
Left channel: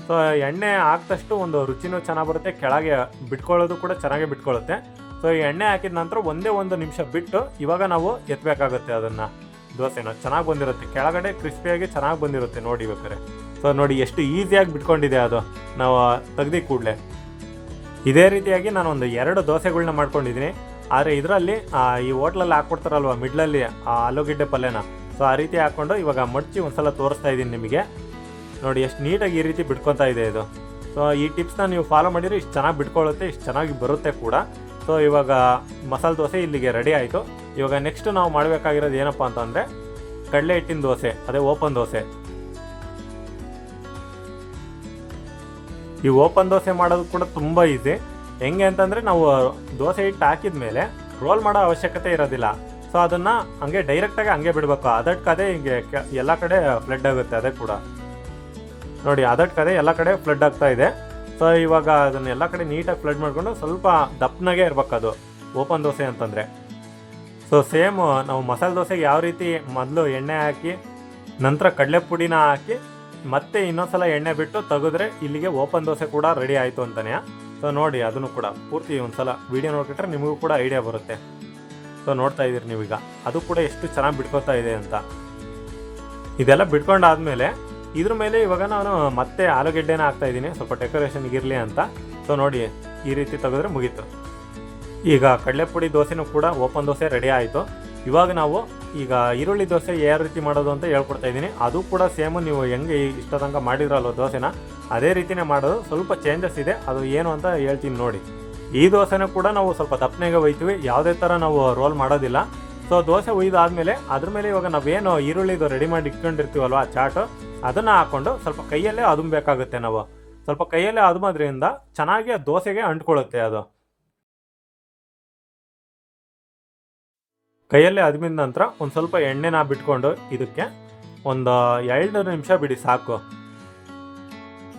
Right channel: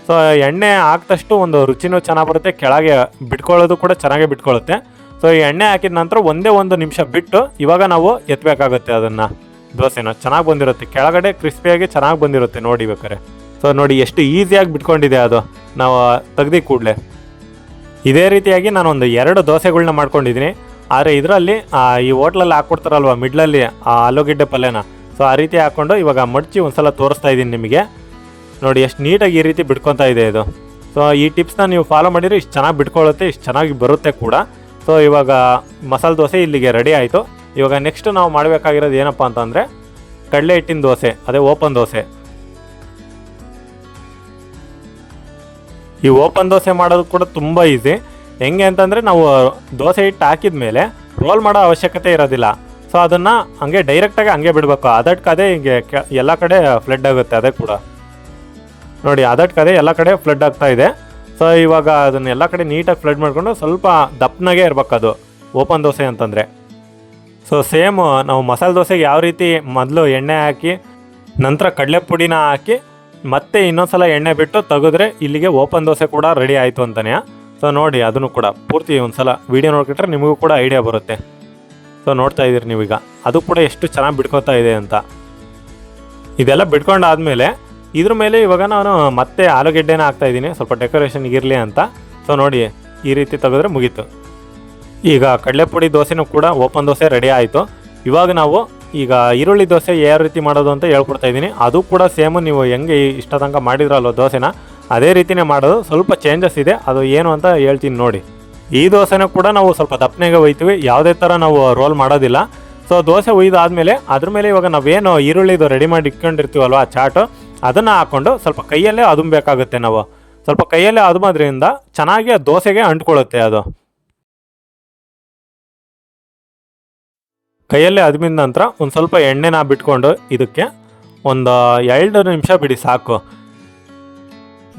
ಸೊ ಎಣ್ಣೆ ಹಾಕಿದಷ್ಟು ಒಂದು ರುಚಿನೂ ಚೆನ್ನಾಗಿ ಬರುತ್ತೆ, ಕೆಳಗೆ ಬಿಟ್ಕೊಳ್ಳೋದು ಕೂಡ ಚೆನ್ನಾಗೇ ಬಿಟ್ಕೊಳ್ಳುತ್ತೆ. ಸೊ ಈ ಎಣ್ಣೆ ಹಾಕಿದ ನಂತರ ಒಂದೇ 1 ನಿಮಿಷ ಬಿಟ್ಟು ಇವಾಗ ನಾವು ಎತ್ತಬೇಕಾಗುತ್ತೆ ಅದನ್ನು. ದೋಸೆನ ಚೆನ್ನಾಗಿ ಬಂದಿರುತ್ತೆ, ಕೆಳಗಡೆ ಕ್ರಿಸ್ಪಿಯಾಗಿ ಚೆನ್ನಾಗಿ ಬಂದಿರುತ್ತೆ ನೋಡಿ ಬೇಕಾರೆ. ಸೊ ನೋಡಿ ಎಷ್ಟು ಈಸಿಯಾಗಿ ಬಿಟ್ಕೊಂಡಿದೆ ಅದು ನಾವು ತೆಗ್ದು ಕೂಡಲೇ. ಇದೇ ರೀತಿಯಾಗಿ ನಾನು ಒಂದು 2 ದೋಸೆಗಳನ್ನ ಮಾಡ್ಕೊಂಡಿದ್ದೀನಿ. ಆದರೆ ಇದರಲ್ಲಿ ಈ ಹೋಟ್ಲಲ್ಲಿ ಹಾಕ್ಕೊಡ್ತಾರಲ್ವ ಮಿಡ್ಲಲ್ಲಿ ಆಲೂಗೆಡ್ಡೆ ಪಲ್ಯನ, ಸೊ ಆ ರೀತಿ ಹಾಕ್ಕೊಂಡು ಇವಾಗ ಮಡಚಿ ಒಂದು ಸಲ ತೋರಿಸ್ತಾ ಇದ್ದೀನಿ ನಿಮಗೆ. ನೋಡಿ ಎಷ್ಟು ನೀಟಾಗಿ ಈ ರೀತಿ ಬಿಟ್ಕೊತಾ ಇದೆ ಇದು. ಸೊ ಈ ಟಿಪ್ಸ್ನ ನೀವು ಫಾಲೋ ಮಾಡಿದರೆ ಇಷ್ಟು ಚೆನ್ನಾಗಿ ಬಿಟ್ಕೊಳ್ಳುತ್ತೆ, ಇಷ್ಟು ಚೆನ್ನಾಗಿ ಬರುತ್ತೆ ಕೂಡ. ಸೊ ಇವಾಗ ಮಸಾಲೆ ದೋಸೆ ಇಲ್ಲಿಗೆ ರೆಡಿ ಆಯಿತು. ಇವಾಗ ನೆಕ್ಸ್ಟ್ ನಾವು ಮಾಡಬೇಕಾಗಿರೋದು ಏನಪ್ಪ ಅಂತಂದರೆ ಕಡಲೆ ಹಿಟ್ಟಿನ ದೋಸೆ, ಅದೇ ಓಪನ್ ದೋಸೆ. ಈ ಓಪನ್ ದೋಸೆ ಮಾಡೋದು ಕೂಡ ತುಂಬ ಈಸಿ. ಹೆಂಗೆ ಅಂತಂದರೆ ನಾವು ದೋಸೆ ಹಿಟ್ಟು ಹಾಕಿದ ಮೇಲೆ ರೋಲ್ ಮಾಡೋ ಅವಶ್ಯಕತೆ ಇರೋದಿಲ್ಲ. ಸೊ ಅದನ್ನು ಹಂಗೆ ಡೈರೆಕ್ಟಾಗಿ ಹಂಗೆ ಬಿಡಬೇಕು, ಅದಕ್ಕೆ ಹಿಂಗೆ ಎಲ್ಲ ಕಡೆ ಫ್ಲಡ್ ಆಗುತ್ತೆ. ಅದೇ ಕೂಡ ನೋಡಿ ಅದಕ್ಕೆ ಎಲ್ಲ ಕಡೆ ಫ್ಲಡ್ ಆಗ್ತಾ ಇದೆ. ಸೊ ಇವಾಗ ಅದನ್ನು ಎಲ್ಲ ಕಡೆ ನೀಟಾಗಿ ಫ್ಲಡ್ ಮಾಡಿಕೊಂಡು ಸ್ವಲ್ಪ ದಪ್ಪನಾಗೆ ಇರಬೇಕು ಅದು ಓಪನ್ ದೋಸೆ ಅಂತಂದರೆ. ಸೊ ಸೇಮ್ ನಾವು ಮಸಾಲೆ ದೋಸೆಗೆ ಯಾವ ರೀತಿ ಮೊದಲು ಎಣ್ಣೆ ಹಾಕಿ ನಂತರ ಕಡಲೆ ಪುಡಿನ ಹಾಕಿ ಮತ್ತೆ ಇನ್ನೊಂದು ಸಲ ಎಣ್ಣೆ ಬಿಟ್ಟು ತೆಗೆದ್ರೆ ಇಲ್ಲಿಗೆ ಓಪನ್ ದೋಸೆ ಕೂಡ ರೆಡಿ ಆಯಿತು ಅಂತಲೇ. ಸೊ ನೋಡಿ ಅದನ್ನು ಕೂಡ ಪೂರ್ತಿ ಒಂದು ಸಲ ವೀಡಿಯೋ ನೋಡ್ಕೊಂಡ್ರೆ ನಿಮಗೂ ಕೂಡ ಐಡಿಯಾ ಬರುತ್ತೆ. ಸೊ ನೋಡ್ತಾ ಇದ್ದೀರಿ ನೀವೀಗ ಅದು ಕೂಡ ಎಷ್ಟು ಚೆನ್ನಾಗಿ ಬಿಡ್ಕೊತಾ ಇದೆ ಅಂತ. ಇದೆಲ್ಲ ಬಿಡ್ಕೊಂಡಾದಮೇಲೆ ಇದ್ರ ಮೇಲೆ ಇವಾಗ ನಾನು ಮತ್ತೆ ಆಲೂಗೆಡ್ಡೆನ ಹಾಕ್ತಾಯಿದ್ದೀನಿ, ಸ್ವಲ್ಪ ಡೆಕೋರೇಷನ್ಗೆ ಇರಲಿ ಅಂತ. ಸೊ ನೋಡಿ ಈ ರೀತಿ ತೆಗೆದ್ರೆ ಮುಗೀತು. ಈಗ ಕಡಲೆಪುಡಿ ದೋಸೆನೂ ಕೂಡ ಓಪನ್ ದೋಸೆ ರೆಡಿ ಆಯಿತು. ಇವಾಗ ನಾವು ಈಗ ಈರುಳ್ಳಿ ದೋಸೆ ಯಾವ ರೀತಿ ಮಾಡೋದು ಅಂತ ಹೇಳ್ಕೊಡ್ತಾ ಇದ್ದೀನಿ. ಅದು ಕೂಡ ಸೇಮು ನೀವು ಹೆಂಗೆ ಇಷ್ಟ ತನಕ ಮಾಡಿದ್ರಲ್ವ ದೋಸೆನ ಅದೇ ರೀತಿಯೇ ಮಾಡೋದು, ಸ್ವಲ್ಪ ಚೇಂಜಸ್ ಇದೆ, ಅದು ಏನು ಅಂತ ಹೇಳ್ತೀನಿ ನೋಡಿ. ಈ ದೋಸೆನೂ ಕೂಡ ನಾವು ಸ್ವಲ್ಪ ದಪ್ಪನೆಗೆ ಒಯ್ತೀವಿ, ಯಾವುದೇ ಥರ ನಾವು ರೋಲ್ ಮಾಡೋದಿಲ್ಲ. ಸೊ ದೋಸೆ ಒಯ್ದಾದ್ಮೇಲೆ ಅದ್ರ ಮೇಲೆ ಇವಾಗ ನಾವೇನು ಈರುಳ್ಳಿದು ರೆಡಿ ಮಾಡಿ ಇಟ್ಕೊಂಡಿರ್ತೀವಲ್ವ ಆ ಚಾಟು, ಅದನ್ನು ಹಾಕ್ಕೊಂಡು ಸ್ವಲ್ಪ ಕೈಯಲ್ಲೇ ಅದುಮಬೇಕಾಗುತ್ತೆ. ನಾವು ಸ್ವಲ್ಪ ಕೈಯಲ್ಲೇ ಅದುಮೋದ್ರಿಂದ ಚೆನ್ನಾಗಿ ದೋಸೆಗೆ ಅಂಟ್ಕೊಳ್ಳುತ್ತೆ. ಅದು ಕೈಯಲ್ಲೇ ಅದುಮಿದ ನಂತರ ಒಂದು ಸ್ವಲ್ಪ ಎಣ್ಣೆನ ಬಿಟ್ಕೊಂಡು ಇದಕ್ಕೆ ಒಂದು 2 ನಿಮಿಷ ಬಿಡಿ ಸಾಕು.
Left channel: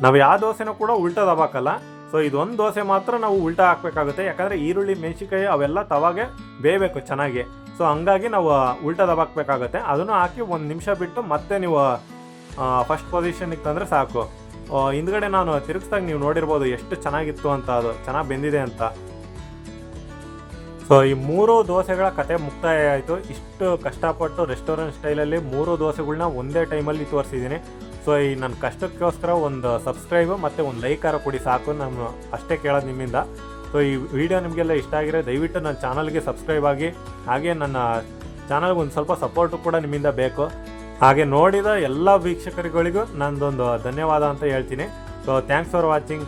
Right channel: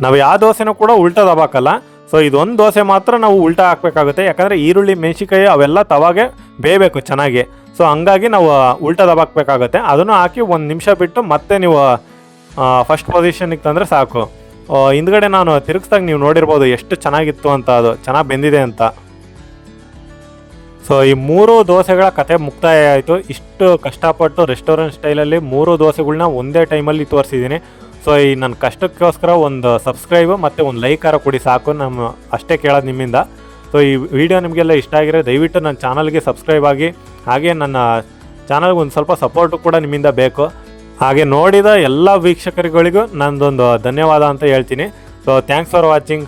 ನಾವು ಯಾವ ದೋಸೆನೂ ಕೂಡ ಉಲ್ಟಾ ದಬಾಕಲ್ಲ. ಸೊ ಇದೊಂದು ದೋಸೆ ಮಾತ್ರ ನಾವು ಉಲ್ಟಾ ಹಾಕಬೇಕಾಗುತ್ತೆ, ಯಾಕಂದರೆ ಈರುಳ್ಳಿ ಮೆಣಸಿನ್ಕಾಯಿ ಅವೆಲ್ಲ ತವಾಗೆ ಬೇಯಬೇಕು ಚೆನ್ನಾಗಿ. ಸೊ ಹಂಗಾಗಿ ನಾವು ಉಲ್ಟಾ ದಬಾಕಬೇಕಾಗುತ್ತೆ. ಅದನ್ನು ಹಾಕಿ 1 ನಿಮಿಷ ಬಿಟ್ಟು ಮತ್ತೆ ನೀವು ಫಸ್ಟ್ ಪೊಸಿಷನ್ಗೆ ತಂದರೆ ಸಾಕು. ಹಿಂದ್ಗಡೆ ನಾನು ತಿರುಗಿಸ್ದಾಗ ನೀವು ನೋಡಿರ್ಬೋದು ಎಷ್ಟು ಚೆನ್ನಾಗಿತ್ತು ಅಂತ, ಅದು ಚೆನ್ನಾಗಿ ಬೆಂದಿದೆ ಅಂತ. ಸೊ ಈ 3 ದೋಸೆಗಳ ಕತೆ ಮುಕ್ತಾಯ ಆಯಿತು. ಇಷ್ಟು ಕಷ್ಟಪಟ್ಟು ರೆಸ್ಟೋರೆಂಟ್ ಸ್ಟೈಲಲ್ಲಿ 3 ದೋಸೆಗಳ್ನ ಒಂದೇ ಟೈಮಲ್ಲಿ ತೋರಿಸಿದ್ದೀನಿ. ಸೊ ಈ ನನ್ನ ಕಷ್ಟಕ್ಕೋಸ್ಕರ ಒಂದು ಸಬ್ಸ್ಕ್ರೈಬು ಮತ್ತು ಒಂದು ಲೈಕಾರ ಕೊಡಿ ಸಾಕು, ನಮ್ಮ ಅಷ್ಟೇ ಕೇಳೋದು ನಿಮ್ಮಿಂದ. ಸೊ ಈ ವಿಡಿಯೋ ನಿಮಗೆಲ್ಲ ಇಷ್ಟ ಆಗಿರೋ ದಯವಿಟ್ಟು ನನ್ನ ಚಾನಲ್ಗೆ ಸಬ್ಸ್ಕ್ರೈಬ್ ಆಗಿ, ಹಾಗೆ ನನ್ನ ಚಾನಲ್ಗೆ ಒಂದು ಸ್ವಲ್ಪ ಸಪೋರ್ಟು ಕೂಡ ನಿಮ್ಮಿಂದ ಬೇಕು. ಹಾಗೆ ನೋಡಿದ ಎಲ್ಲ ವೀಕ್ಷಕರುಗಳಿಗೂ ನಂದೊಂದು ಧನ್ಯವಾದ ಅಂತ ಹೇಳ್ತೀನಿ. So thanks for watching.